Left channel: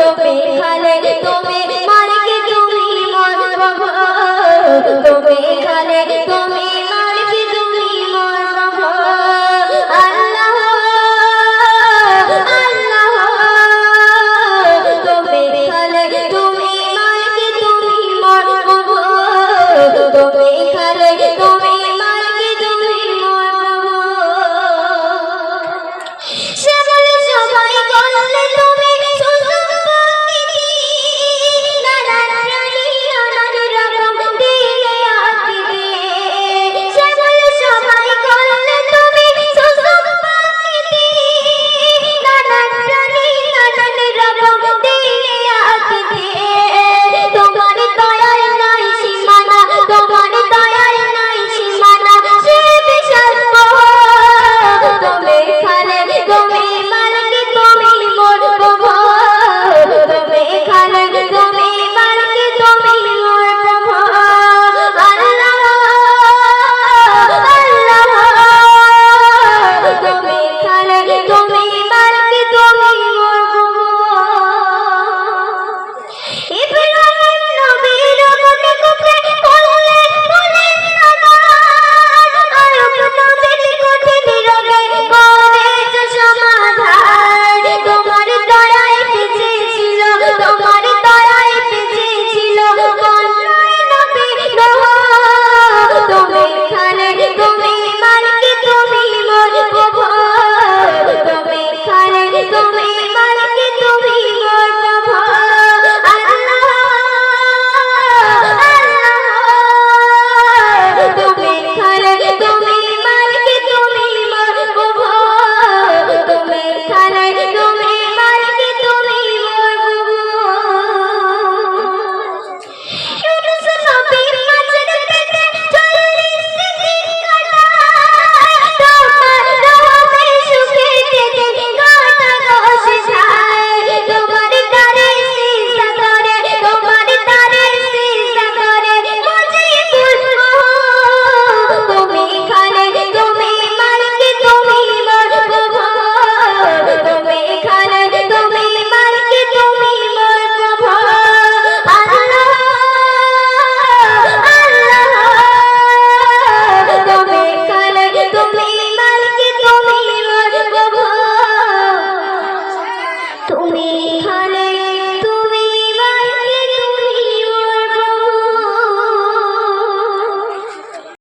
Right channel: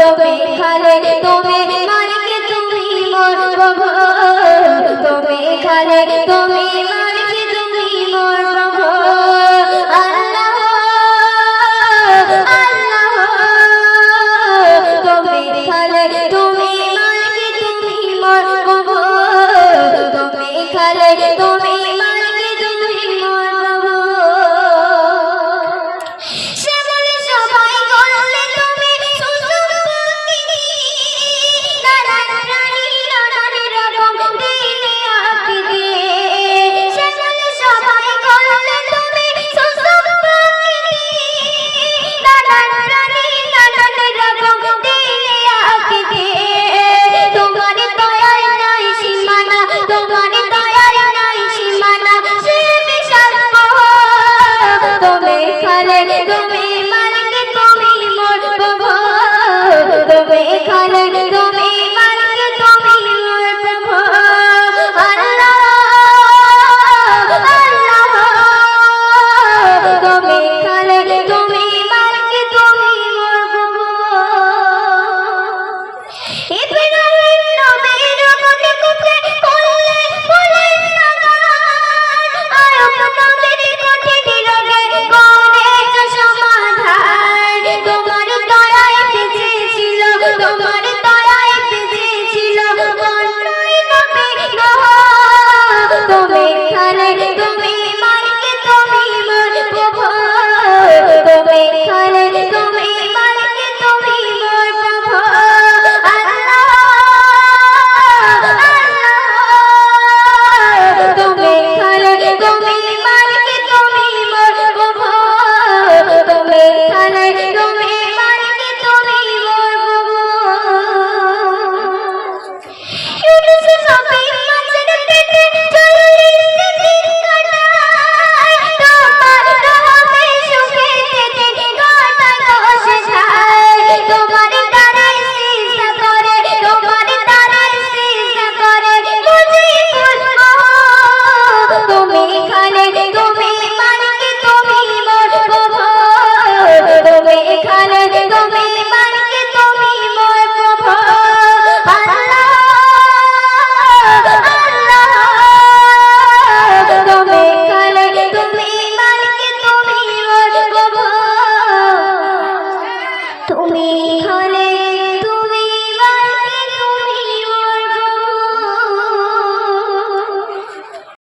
তুমি খালে তুমি মালিক তুমি মোর প্রভু তুমি খালে তুমি মালিক তুমি মোর প্রভু আল্লাহ আল্লাহ তুমি খালে তুমি মালিক তুমি মোর প্রভু তুমি খালে তুমি মালিক তুমি মোর প্রভু শ্যামলে সবাই করলে তুমি সুসম্পত্তি নানান রানী নানান রকম দিলে আকৃতি শ্যামলে সবাই করলে তুমি সুসম্পত্তি নানান রানী নানান রকম দিলে আকৃতি তোমার দয়ায় নাই সীমানা তোমার দয়ায় নাই সীমানা সে বিশাল তুমি খালে তুমি মালিক তুমি মোর প্রভু তুমি খালে তুমি মালিক তুমি মোর প্রভু আল্লাহ আল্লাহ তুমি খালে তুমি মালিক তুমি মোর প্রভু ইব্রাহিম নবীর কোটে কোটে করলে বলেন আয়ুব নবীর কঠিন রোগে করেছ সমাধান তোমার দয়ায় বেঁচেছিল তোমার দয়ায় বেঁচেছিল বন্যায় নবী নূহ তুমি খালে তুমি মালিক তুমি মোর প্রভু তুমি খালে তুমি মালিক তুমি মোর প্রভু আল্লাহ আল্লাহ তুমি খালে তুমি মালিক তুমি মোর প্রভু তুমি খালে তুমি মালিক তুমি মোর প্রভু ইউনুস নবী মাছের পেটে 40 দিন কাটায় তোমার রহমে সুখে দিন কাটানো শেখায় তোমার দ্বারে সিজদা করে তোমার দ্বারে সিজদা করে মুজিবুল তুমি খালে তুমি মালিক তুমি মোর প্রভু তুমি খালে তুমি মালিক তুমি মোর প্রভু আল্লাহ আল্লাহ তুমি খালে তুমি মালিক তুমি মোর প্রভু তুমি খালে